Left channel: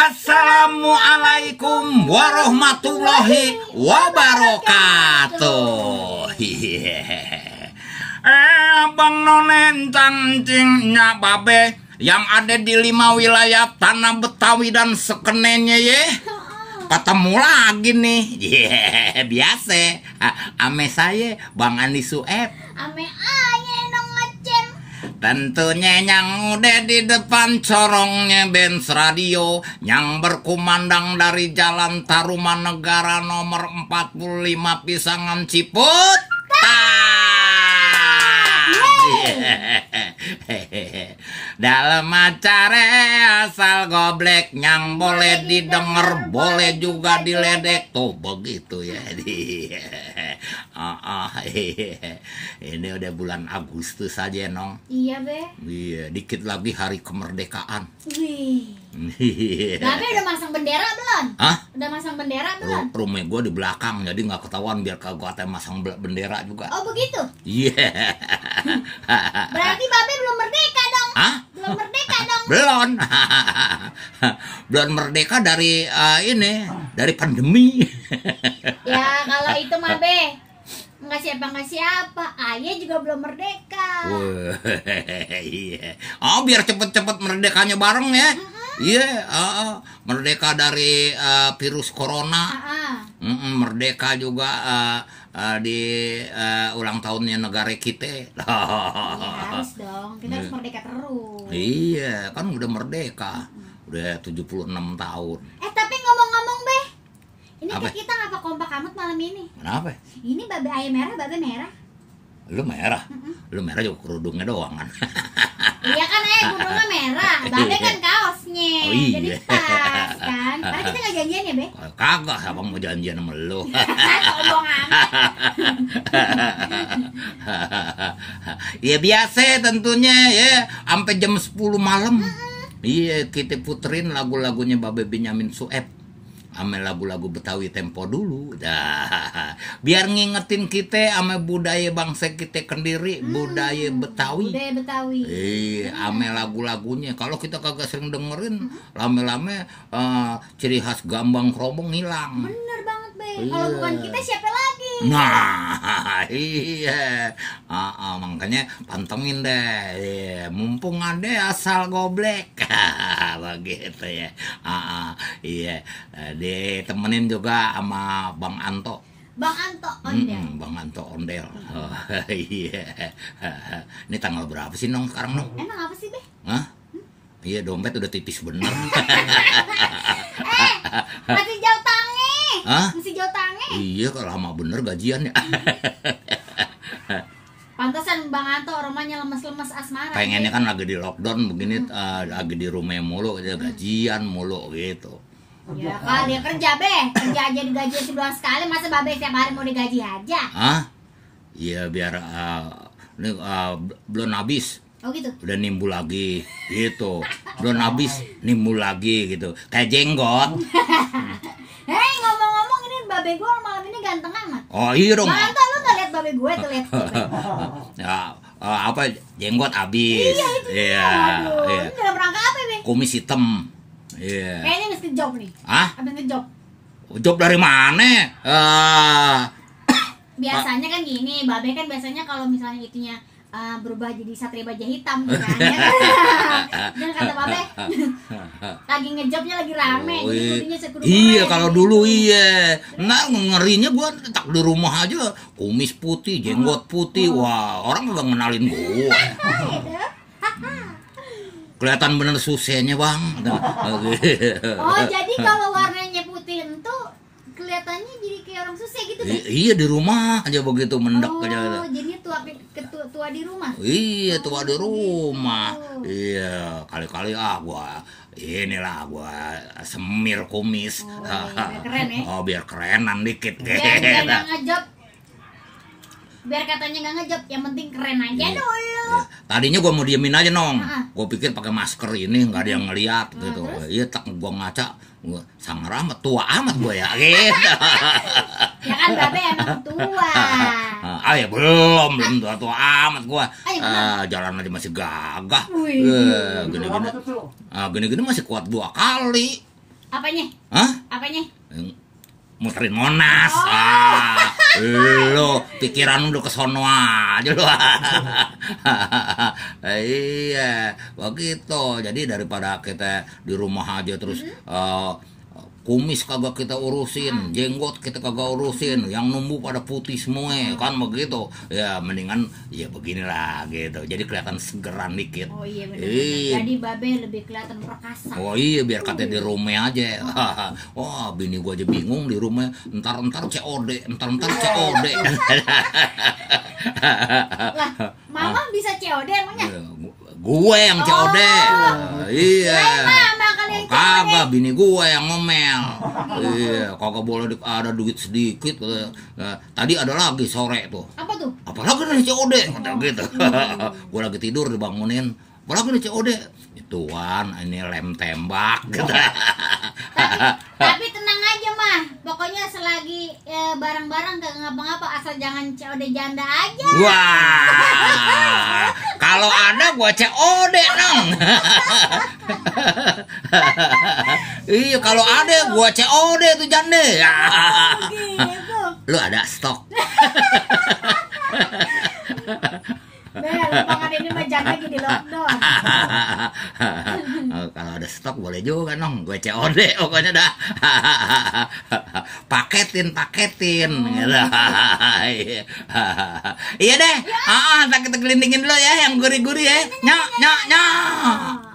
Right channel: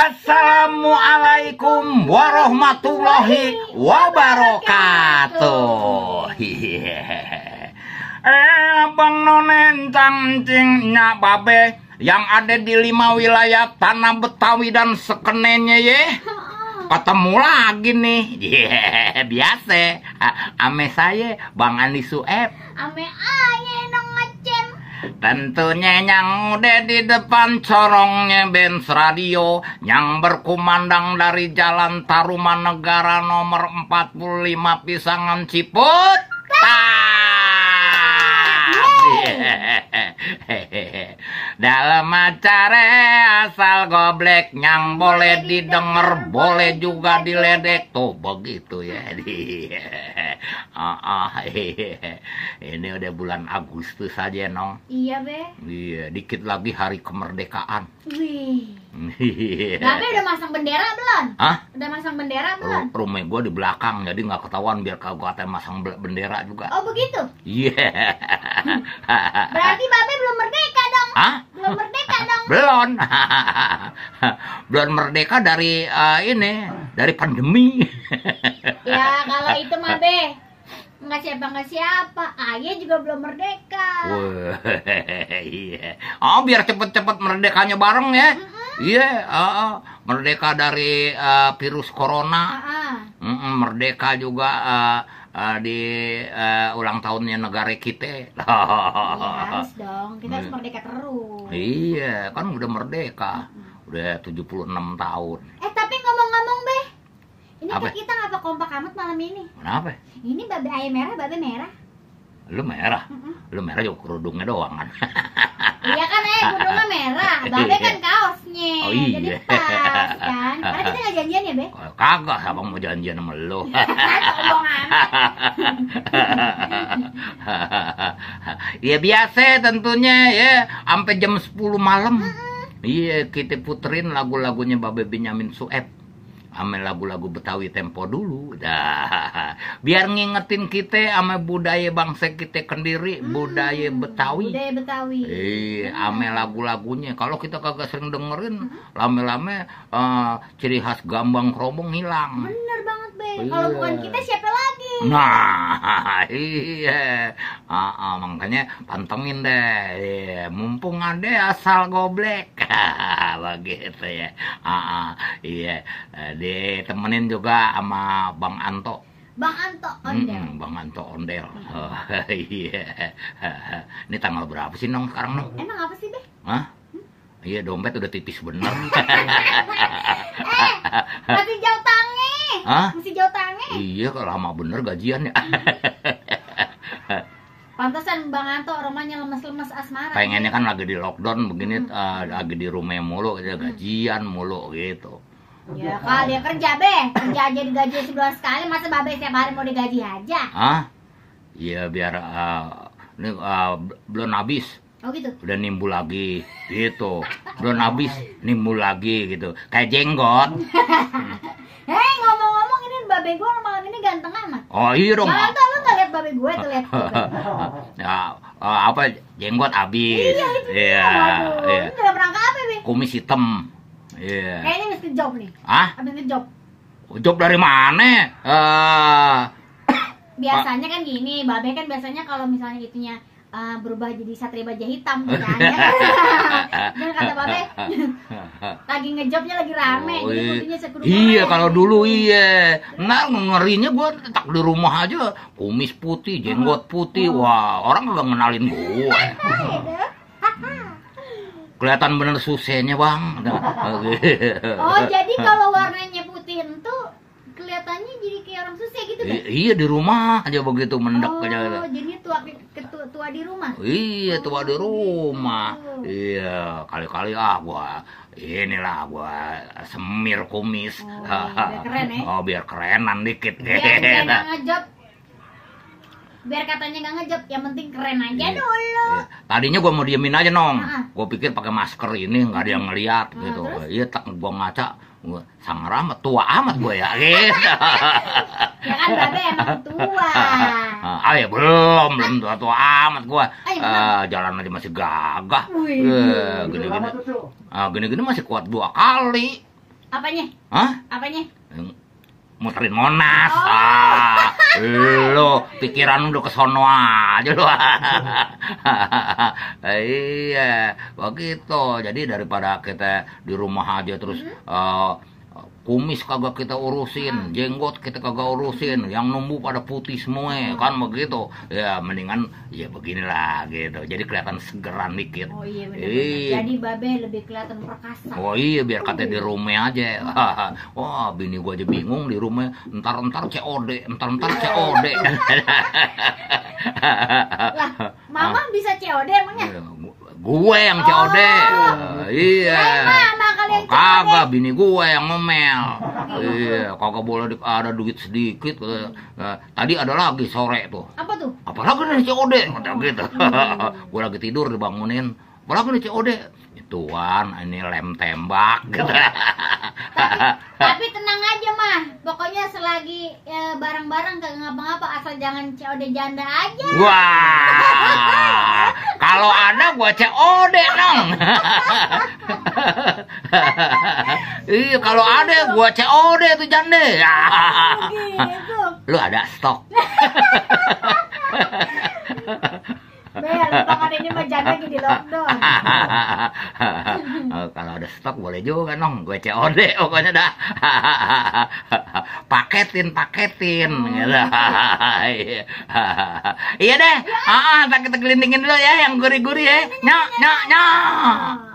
Assalamualaikum warahmatullahi wabarakatuh. Bang Nonen cangcingnya babe yang ada di 5 wilayah tanah Betawi dan sekenenya ye. Ketemu lagi nih. Biasa. Ame saya Bang Andi Sueb. Ame aye nong ngecen. Tentunya yang udah di depan corongnya Benz Radio yang berkumandang dari Jalan Tarumanegara nomor 45 Pisangan Ciput. Dalam acara asal goblek yang boleh didengar boleh juga diledek tuh begitu ya. Ini udah bulan Agustus aja nong. Iya be. Iya, dikit lagi hari kemerdekaan. Wih. Babe udah masang bendera belum? Hah? Udah masang bendera belum? Rumah gue di belakang jadi nggak ketahuan biar kagak ada masang bendera juga. Oh begitu? Iya. Berarti babe belum merdeka dong? Hah? Belum merdeka dong? Belum. Belum merdeka dari dari pandemi. Ya kalau itu mah be nggak siapa. Ayah juga belum merdeka. Iya. Oh biar cepet-cepet merdekanya bareng ya. Iya. Merdeka dari virus corona. Merdeka juga di ulang tahunnya negara kita. Ya, harus dong, kita harus merdeka terus. Iya, kan udah merdeka. Udah 76 tahun. Tapi ngomong-ngomong be, ini apa? kita ngapa kompak amat malam ini? Kenapa? Ini babe ayam merah, babe merah. Lu merah? Lu merah juga kerudungnya doang kan? Iya kan kerudungnya merah, babe kan kaosnya. Oh iya. Jadi pas kan. Karena kita nggak janjian ya be? Kagak, abang mau janjian sama lu. Ngomong amat. Ya biasa tentunya ya, sampai jam 10 malam. Iya, kita puterin lagu-lagunya Babe Benyamin Sueb. Ame lagu-lagu Betawi tempo dulu. Dah. Biar ngingetin kita sama budaya bangsa kita sendiri, budaya Betawi. Budaya Betawi. Ame lagu-lagunya. Kalau kita kagak sering dengerin, lame-lame ciri khas gambang kerobong hilang. Bener banget be. Kalau bukan kita siapa lagi? Nah, iya. Makanya pantengin deh. Iya, mumpung ada asal goblek. Begitu ya. Iya. Ditemenin juga sama Bang Anto. Bang Anto Ondel. Bang Anto Ondel. Iya. Ini tanggal berapa sih nong sekarang nong? Emang apa sih be? Hah? Iya, dompet udah tipis bener. Masih jauh tangi. Hah? Masih jauh tangi. Iya, kok lama bener gajian ya. Pantesan Bang Anto rumahnya lemes-lemes asmara. Pengennya kan lagi di lockdown begini, lagi di rumah mulu, gajian mulu gitu. Ya kali ya kerja be, kerja aja digaji sebulan sekali, masa babe setiap hari mau digaji aja? Hah? Iya biar ini belum habis. Oh gitu. Udah nimbul lagi gitu. Belum habis nimbul lagi gitu. Kayak jenggot. Hei ngomong-ngomong ini babe gue malam ini ganteng amat. Oh iya dong. Malam tuh lu gak liat babe gue tuh liat. Ya, apa jenggot habis. Iya itu dia. Waduh. Ini dalam rangka apa be? Kumis hitam. Iya. Kayaknya mesti job nih. Hah? Habis ngejob. Job dari mana? Biasanya kan gini, babe kan biasanya kalau misalnya itunya berubah jadi satria baja hitam kan ya. Dan kata babe lagi ngejobnya lagi rame, jadi kudunya sekudu. Iya kalau dulu iya. Nah ngerinya gua tak di rumah aja kumis putih, jenggot putih. Wah, orang kagak ngenalin gua. Kelihatan bener susahnya bang. Oh jadi kalau warnanya putih itu kelihatannya jadi kayak orang susah gitu deh. Iya di rumah aja begitu mendek aja. Oh jadi tua di rumah. Iya tua di rumah. Iya kali-kali gua semir kumis. Biar keren ya. Oh biar kerenan dikit. Biar nggak ngejob. Biar katanya nggak ngejob, yang penting keren aja dulu. Iya. Tadinya gue mau diemin aja nong. Gue pikir pakai masker ini nggak ada yang ngeliat gitu. Iya tak gue ngaca, gue sangar amat, tua amat gue ya. Gitu. Ya kan babe emang tua. Ya belum tua amat gue. Jalan aja masih gagah. Gini-gini masih kuat 2 kali. Apanya? Hah? Apanya? Muterin Monas. Oh. Lo pikiran udah kesono aja lo. Iya, begitu. Jadi daripada kita di rumah aja terus kumis kagak kita urusin, jenggot kita kagak urusin, yang numbuh pada putih semua kan begitu. Ya mendingan ya beginilah gitu. Jadi kelihatan segeran dikit. Oh iya benar. Jadi babe lebih kelihatan perkasa. Oh iya, biar katanya di rumah aja. Wah, bini gua aja bingung di rumah. Entar COD, entar COD. Lah, mama bisa COD emangnya? Gue yang COD. Iya. Mama kali yang COD. Kagak, bini gue yang ngomel. Iya, kagak boleh ada duit sedikit. Tadi ada lagi sore tuh. Apa tuh? Apalagi nih COD, kata gitu. Gue lagi tidur dibangunin. Apalagi nih COD. Tuan, ini lem tembak. Tapi tenang aja mah, pokoknya selagi barang-barang kagak ngapa-ngapa, asal jangan COD janda aja. Wah, kalau ada gua COD dong. Iya, kalau ada gua COD tuh janda. Gitu. Lu ada stok? Lapangan ini mah janda di lockdown. Kalau ada stok boleh juga dong, gue COD pokoknya dah. paketin gitu. Iya deh. Kita gelindingin dulu ya yang gurih-gurih ya. Nyok.